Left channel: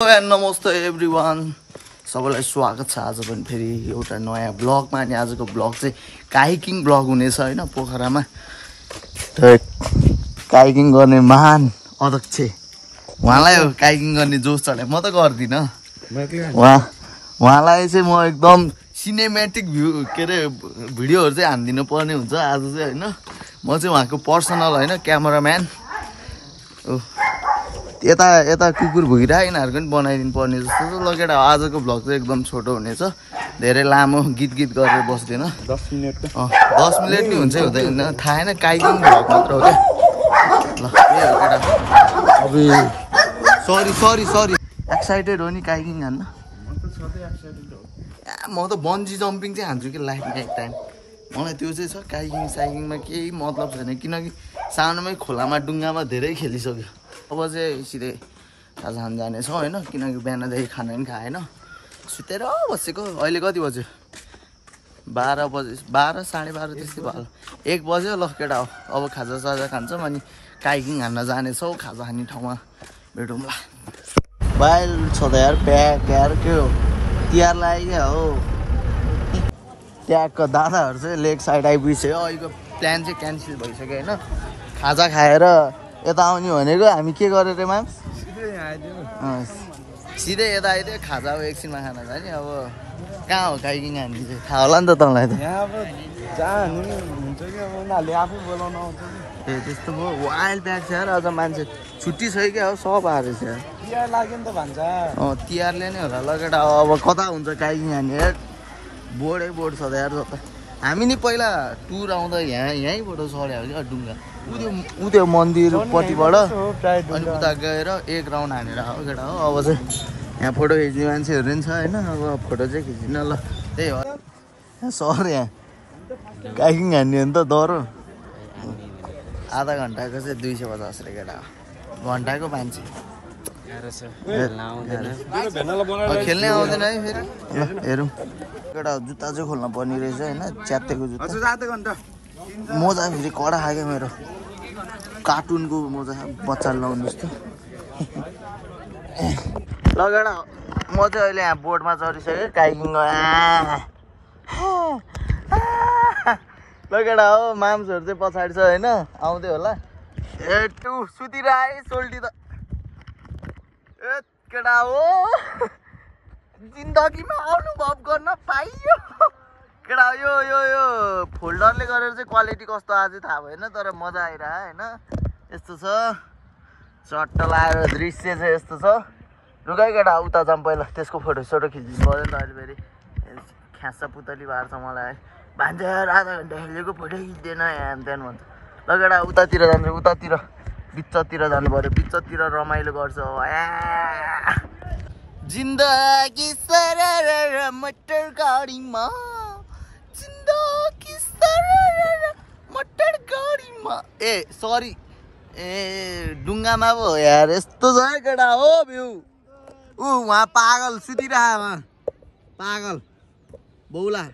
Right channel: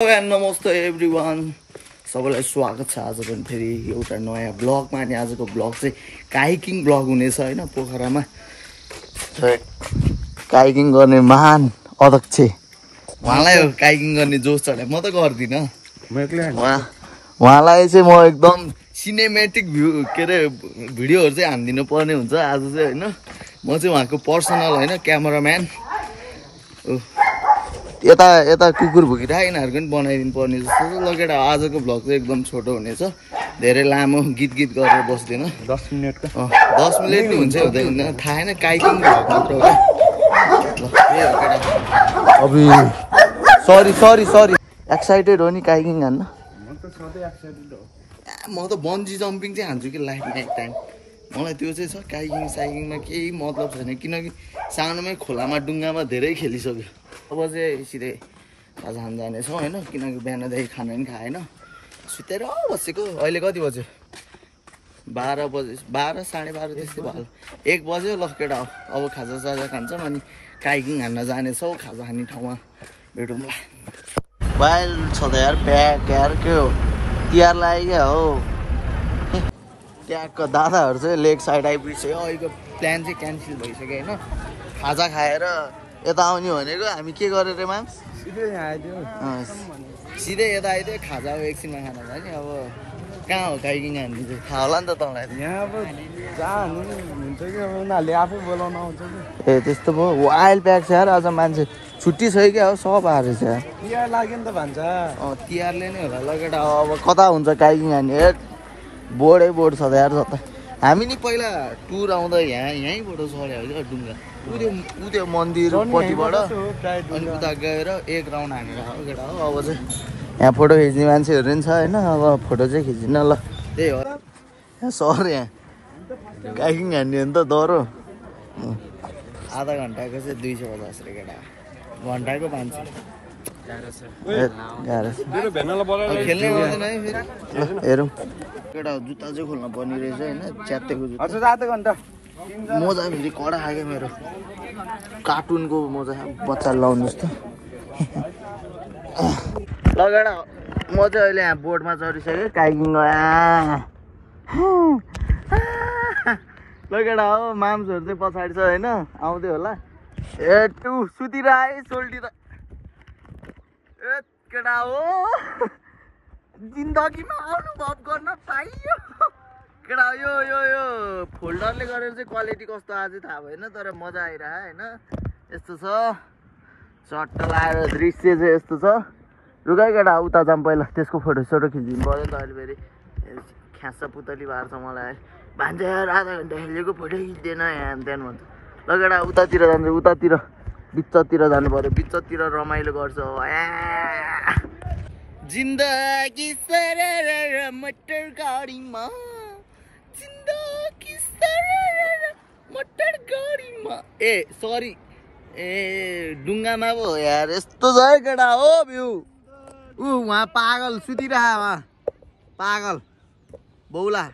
नमस्ते एभ्रिवान, सबैलाई स्वागत छ आज पनि फेरि एउटा नयाँ ब्लगमा। अनि आजको ब्लग चाहिँ काइकिङ ब्लग हुनेछ हैन। पोखरामा काइकिङ गर्ने महान अध्यक्ष उहाँलाई काइकिङ गर्ने जोस चढे, म त गर्दिनँ। उहाँलाई चाहिँ म एकदम सिनेमेटिक भ्यू के अरे भिडियोहरू चाहिँ हानिदिनु पर्ने हुन्छ आज चाहिँ हैन। म चाहिँ उहाँको पर्सनल हैन क्यामेराम्यान। यता कुकुर भुकिरहेको यिनीहरूको पनि बनाइदिनु पर्ने जस्तो छ। लगेर आजको भ्लग चाहिँ एकदम छोटो हुनेछ, धेरै लामो गीत गरेर बस्दैन। 10 मिनट नै हुन्छ हुँदैन, थाहा छैन। काइकिङ भ्लग मात्र हो क्या। ल त्यही हो केटा। अबि सरी एक्साइटेड हो नि काइकिङ हान्न? म त सधैँ एक्साइटेड हो। म त बन्जी जम्पिङ चाहिँ हान्छु कि लाइफमा एक टाइम। मलाई त्यो चाहिँ छ। काइकिङ साइकिङमा केही मतलब छैन, किनकि सानोमै खोलामा डुङ्गामा धेरै खेलिसक्यो। अब चाहिँ सिधै खाजा खान जानेछौँ होइन, किनकि बिहानदेखि खाना पनि खाएन, सुतेर बसेको। अहिले कति बज्यो? 12 बजे, 12 साढे 12 त्यस्तै भयो। 1 बज्यो। ल केटा अब खाजा साजा खान्छौँ अनि काइकिङ हान्न जानेछौँ। खाजा खाने ठाउँमा भेटौँला। बाहिर छ त यार प्याक यार, के हो तिहार लाग्यो क्या हो। त्यहाँको दादाहरू चाहिँ लेक साइड आइपुगिसक्यो। अहिलेको प्लान चाहिँ क्यान्सल भइसक्यो होइन। खाजा खाएर यता आउने भनेको हामी के गरेर माम्स सिधै आइदियो। सिधै यता आइदियो। खाजा अब एकछिनमा खाना छ नि। अब कहाँ हो काइकिङ हामी चाहिँ थाहा होला नि त तँलाई त। यहाँ अब जहाँ हुन्छ कि अब उनीहरूले आफै बोलाउनु आउँछ कि। ए त्यस्तो भयो। वाइल्ड प्याक छ यार। आज मान्छे छुट्टी छ क्या हो, सब आएर छ यार। तिहार लाग्यो नि त भन्छ। तिहारले नै होला। लगेर अब कता हुन्छ काइकिङ हान्ने? बोर्डै बोर्ड छ त यार। हामी नि पहिला टुर आउँदा यहीँबाट सऱ्यो क्या डुङ्गा। उ त्यो मन्दिरपट्टिबाट अनि उता गएर एक राउन्ड हानेर हो केटा हो। अब चाहिँ यहाँ फोटो खिच्ने मान्छेहरू पनि छ होइन। अब फोटो चाहिँ खिच्दिन। ल त्यही हो यहाँ सर। यहाँ काइकिङ हान्ने हो नि त डह्रो। आधा घन्टाको चाहिँ 250 रे केटा। घन्टाको 500। खेल्ने आउँदैन है फेरि। ल हेरौँ केटा। जुत्ता चाहिँ खोल्न पर्ने रहेछ होइन, च्यात्तेको जुत्ता। मोजा फेरि कडा खायो मेरो, कार्टुनको मोजा बच्चाले लाउने जस्तो। लगेर म चाहिँ अहिले यहाँ बोर्डमा चढिसकेँ काइकिङ। लगेर हो माम्सहरू चाहिँ पछाडि छ होइन, आउँदै होला। सुतिर आए सोल्टी त केटा हो। जिन्दगीमा अनुभव गर्न पाइयो केटा। यो फोल्डरले गरेर चाहिँ क्वालिटी कस्तो आज थाहा भएन, तर मजा आइरह होइन। यस्तो छ चट्ट लागेको दृश्य चाहिँ यस्तो छ। रुगाइ केटा उता जाऊँ पहिला, त्यसको फोटो खिचिदिनु पर्यो नि त। अहिले फेरि ख्यासा पुतली भएको छ मलाई। भान्जा आधा घन्टा खेलेको फोटो खिच्दैन यहाँ त्यहाँ भन्छ। ल केटा उतातिर जान्छ, उतातिर बिचतिर जानु पर्यो। बिचतिर रमाइलो गर्छ। जिन्दगी सरर मटर गाडीमा, जिन्दगी सरर मटर गाडीमा। ए सरी, डुङ्गामा पो हो यार। यस्तो छ है केटा हो भ्यू। वहाँ पागल सुतिरह, वहाँ पागल बौला।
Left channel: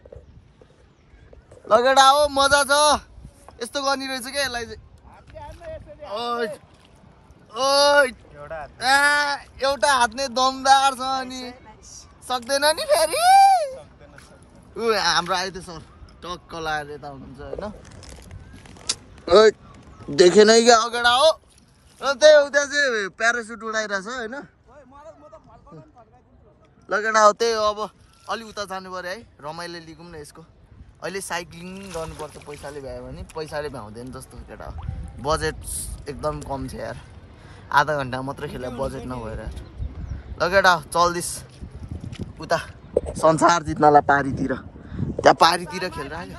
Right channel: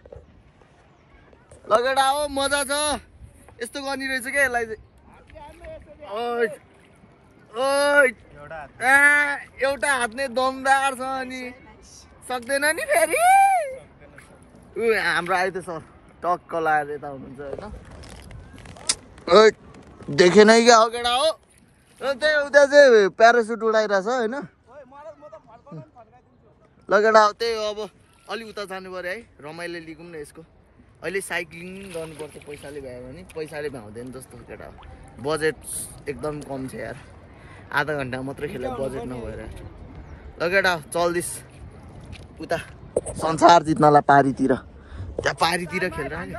लगेडा हो मजा छ। यस्तो गर्ने रहेछ क्या यसलाई चाहिँ। एउटा हात नै दमदार छ अनि सक्दैन नि फेरि। हाम्रो आइदियो सर टक्क लाएर यता हुनुहुन्छ होइन। देखेन क्या हो केटा हो। त्यही उता चाहिँ प्यारासुट उडाइरहेछ होइन। लगेडा हो त्यही हो। अब अलि उता जानु पर्यो है, रमाइलो लिगौँ न यसको। अहिले साइक्लिङ गर्नुपर्छ, पैसाले भ्यायो भने। पैसाले भ्याउँदैन जस्तो केटा हो। बजेट एकदम कम छ यार। आधा घन्टा मात्रै खेले बजेट नभएर। लगेडा चल्दिस उता संसार जित्नलाई पारीतिर। त्यहाँ पारीतिर खेलेर आयो।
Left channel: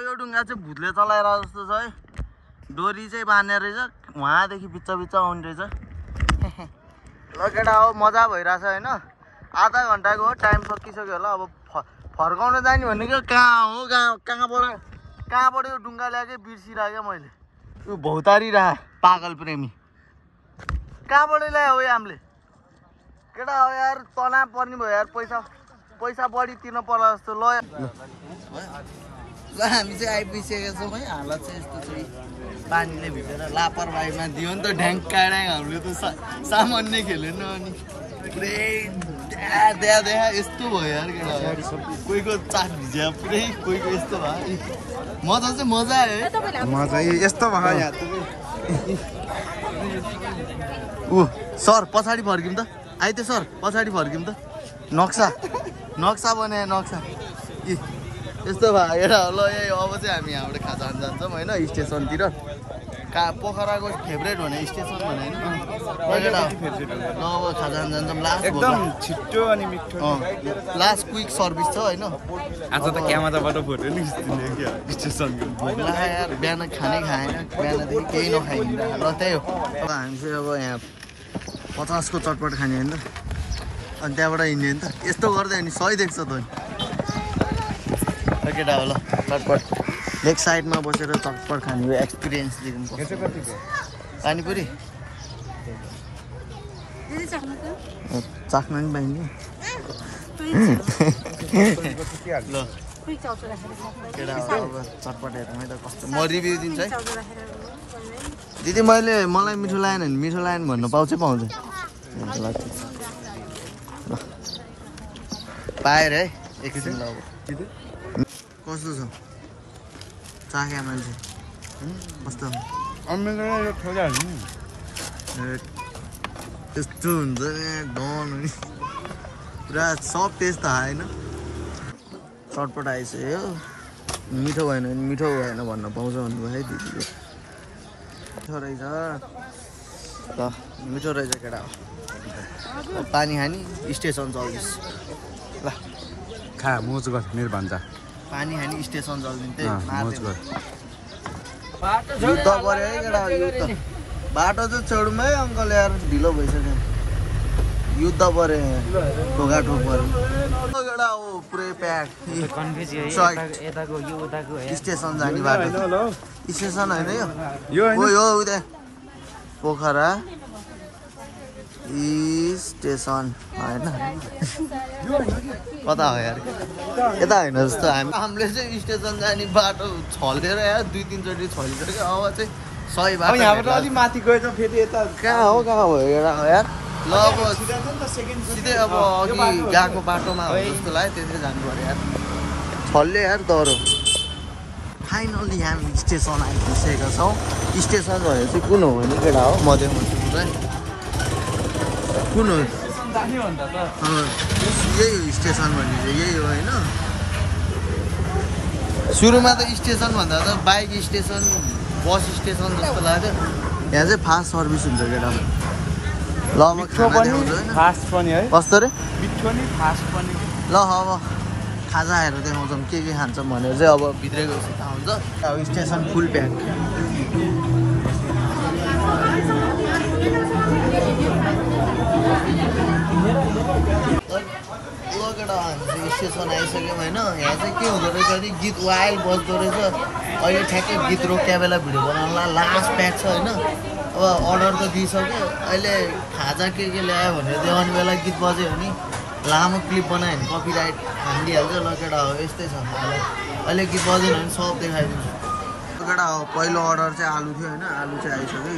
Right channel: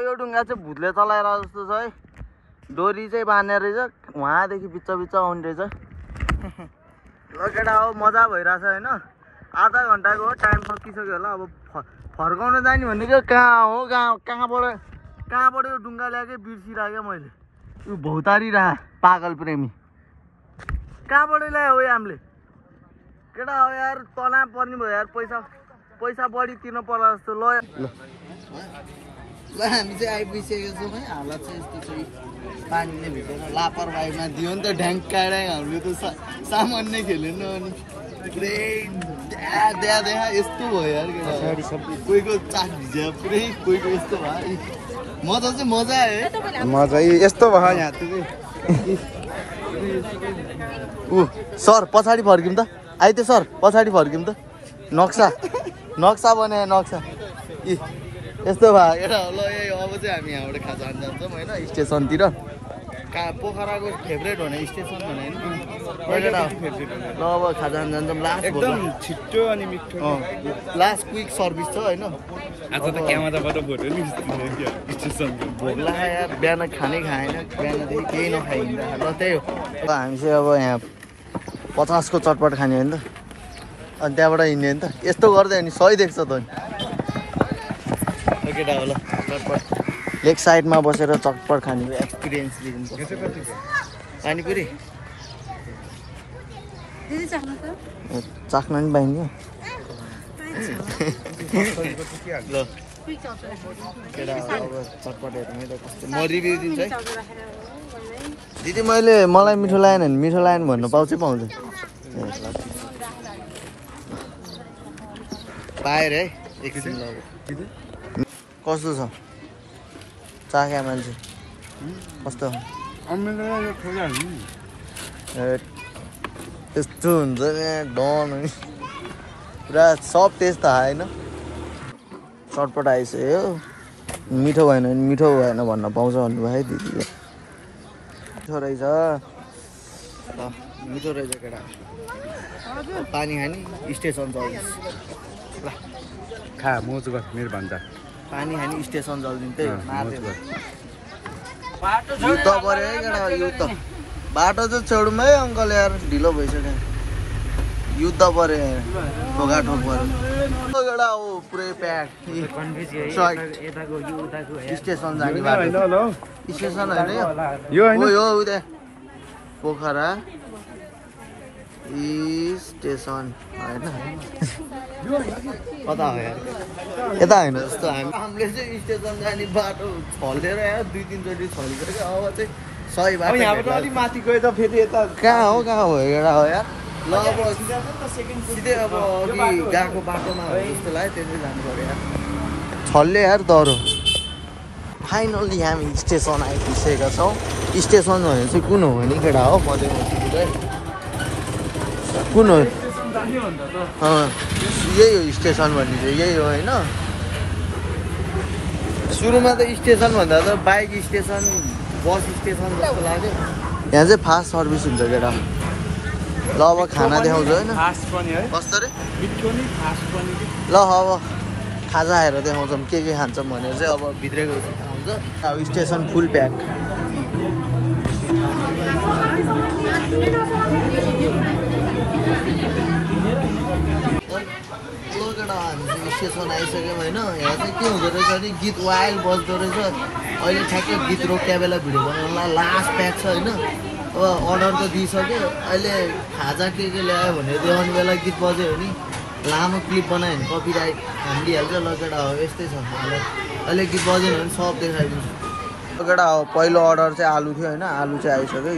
यो डुङ्गा चाहिँ भूतले चलाएर जस्तो छ है। डोरी चाहिँ बाँध्ने रहेछ, उहाँदेखि बिच आउने रहेछ। ल केटा हो मजा भइरहेछ होइन। आधा घन्टाको टाइम सकिसक्यो होला। अब फर्काउन जाने भनेको कहाँ हो, कहाँबाट यो डुङ्गा ल्याएकै बिर्सिरहेको मैले। यो भौतारी रह पागल प्रेमी। कहाँबाट ल्यायो हो हामीले केटा हो यार। तनाव पर्ने भयो यार। पैसा पैसा बढी तिर्नु पर्ला जस्तो ल ल हामी चाहिँ आइपुगिसकेका छौँ है हालत चाहिँ यस्तो चाहिँ पानीले भिजेर लापरवाहीमा दियो नि त ढ्याङ्काएर हामीले त सामान्य खेल्यो नि अनि पुरै देखा यस्तो भयो यार केटा कोहीको चाक भिज्या पुरै कोहीको यस्तो भयो मजा चाहिँ मजा आयो है मजा यस्तो भयो ऊ सर पछाडि फर्किउँ त आइते सर पछाडि फर्किउँ त नक्सा बनायो नक्सा यस्तो भयो केटा ल अब चाहिँ हामी यहाँबाट खाजा खान जान्छौँ होइन स्टेसनतिर पोखराको फेभरेट भने स्टेसन भने होइन ल अब खाजा खान जान्छौँ लास्ट एकदम छिट्टो अनि मिठो लास्ट क्विक सर्भिस छ होइन आज त क्यामेराबाट फोटो नि स्टेसनको भोक लाग्यो यार बिहान खानै खाएन बिहानदेखि केही नखाइ हिँड्दा ल त्यही हो अब हामी चाहिँ अब यहाँ 50 को चटपट खाने होइन त अनि त्यहाँबाट हिँड्ने नि त यस्तो गर्दै अनि सही देख्छ त नि केटा हो ल चटपट लेग साइडमा बसेर चटपट खाने एक्सपिरियन्स दिनु पानीपुरी चाख्न नि पाइन्छ ल केटा अब चटपट हेरौँ है त कस्तो म रिभ्यू दिन्छु है दिदी मलाई मिठो लागेन भने मिठो लागेन भन्नु पाउँछ पाएर है एकछिन ल अब कस्तो छ चाख्या मान्छे कस्तो त्यस्तो हुन्छ नि डन नि पुरा सब टेस्ट थाहा होइन चटपट आइसक्यो मिठो भएन भने मिठो भएन भन्न पाउँछ भन्नुभयो है दिदीले मिठो रहेछ ल मिठो रहेछ केटा पानी खाने स्टेसन चल्दैछ ल खा मोज गर मेरो भन्छ पानी खाने स्टेसन चल्दिन्छ मोज गर युद्ध पऱ्यो है केटा युद्ध बाटो चाहिँ छेउमा है अङ्कल यार ढिलो भइसक्यो युद्ध पऱ्यो ठोकाठोक पऱ्यो केटा हो पुरै प्याक स्टेसन जाने बाटो स्टेसन होइन यो हो उता पोखरा स्टेसन होइन कता हो यार यता होइन जस्तो हामीले चाहिँ स्टेसन जाने बाटो छलेर यार 2-3 चोटि छलिसक्यो अब चाहिँ सही बाटो माथि गयो त फेरि यता कहाँ हो यार ल अब सिधै अब अघि गएको बाटोमा हो जस्तो लाग्यो त्यसरी जानु पर्यो यार छल्ले यार दह्रो फाइनली हामी स्टेसन आइपुगिसकेका छौँ स्टेसन चाहिँ कुन हो म देखाउँछु पुरै कुन हो यही हो स्टेसन भन्ने चाहिँ यही हो होइन सुरुमा त स्टेसन भन्दा त बाइक स्टेसन बस स्टेसन जस्तो लाग्यो यहाँ चाहिँ फास्ट सर्भिस हुन्छ केटा ल अब खाना देखाउँछु होइन कस्तो रे ल अब खाजा आएर देखाउँछौँ के खान्छौँ भनेर चाहिँ अब भित्रै गएपछि थाहा हुन्छ अब स्टेसन फुल प्याक केटा हामी चाहिँ स्टेसन आइसक्यौँ होइन यहाँ चाहिँ के हुँदो रहेछ भने गीत वाइल्ड बज्दो रहेछ अहिले ठ्याक्कै गीत रोकिया बेला भिडियो बनाउनुलाई लास्ट प्याक छ होइन अब अर्डर त दिइसक्यो अहिले खाजा के ल्यायो भनेर देखाउने बेला गीत बज्यो भने लामो क्लिप बनायो भने कपिराइट हानिदिइहाल्छ ल केटा हो यस्तै छ अहिले गीत बजेन भने सब देखाइदिन्छ केटा हो पहिलो अर्डर चाहिँ आलु थियो होइन आलु चाहिँ आइसक्यो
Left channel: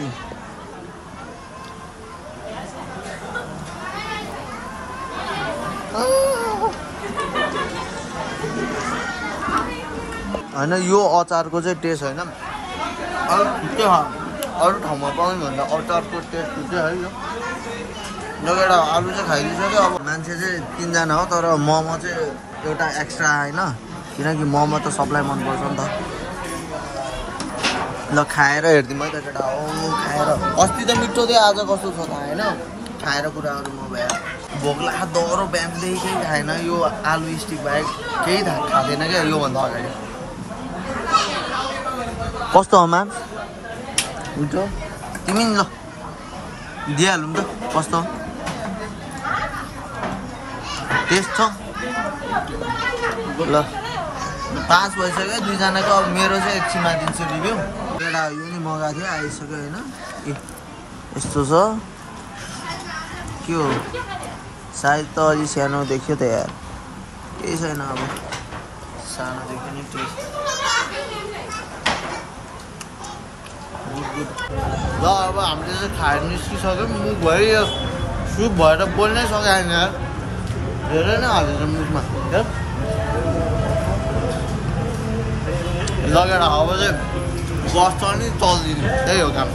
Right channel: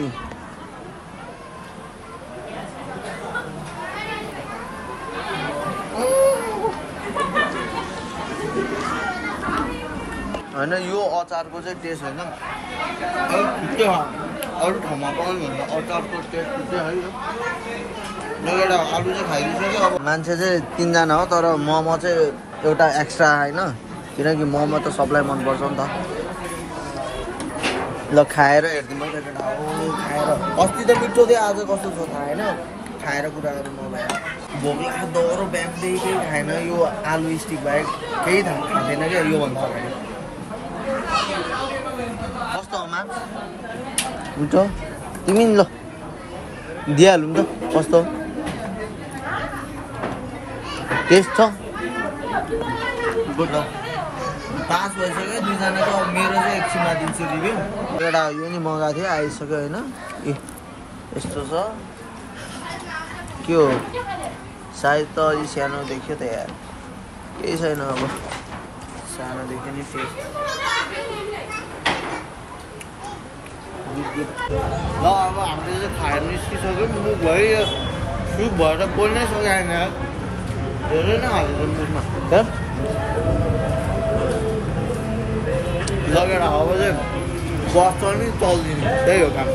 होइन यो अचारको चाहिँ टेस्ट होइन अरू छुट्टै अरू ठाउँमा पाउने भन्दा अचारको टेस्ट छुट्टै है यो लगेर आलु चाहिँ खाइदिइसक्यो अब मान्छे चाहिँ 3 जना हो तर मोमो चाहिँ एउटा एक्स्ट्रा होइन किनकि मोमो त सबलाई मनपर्छ नि त ल खाएर हेरिदिउँ है त केटा खाएर अस्ति त मिठो थियो आज कस्तो छ थाहा होइन खाएर कुराहरू नभए भोक लाग्यो दह्रो बिहानदेखि केही खाएन यो आलु स्टिक बाहेक केही खाँदैन क्या योभन्दा अगाडि कस्तो हो मान मिठो तिमी ल दिइहालौँ त कस्तो टेस्ट छ ल 5 भइसक्यो 2 जनाको अब मेरो चाहिँ एकछिनमा दिन्छु रिभ्यू एउटा यो नि मगाएको थियो आइसक्यो होइन ए यस्तो छ के हो सायद त अलि सानो देखियो त यार केही छैन अब सानोदेखि नि त्यही ल अब हामीले चाहिँ खाएर निस्किसक्यौँ मुख भयो सुप भएर बोल्नै सकेन धेरै नै हालेछ मुखमा लगेर अब चाहिँ बस चल्ने चल्दिने त्यही हो काम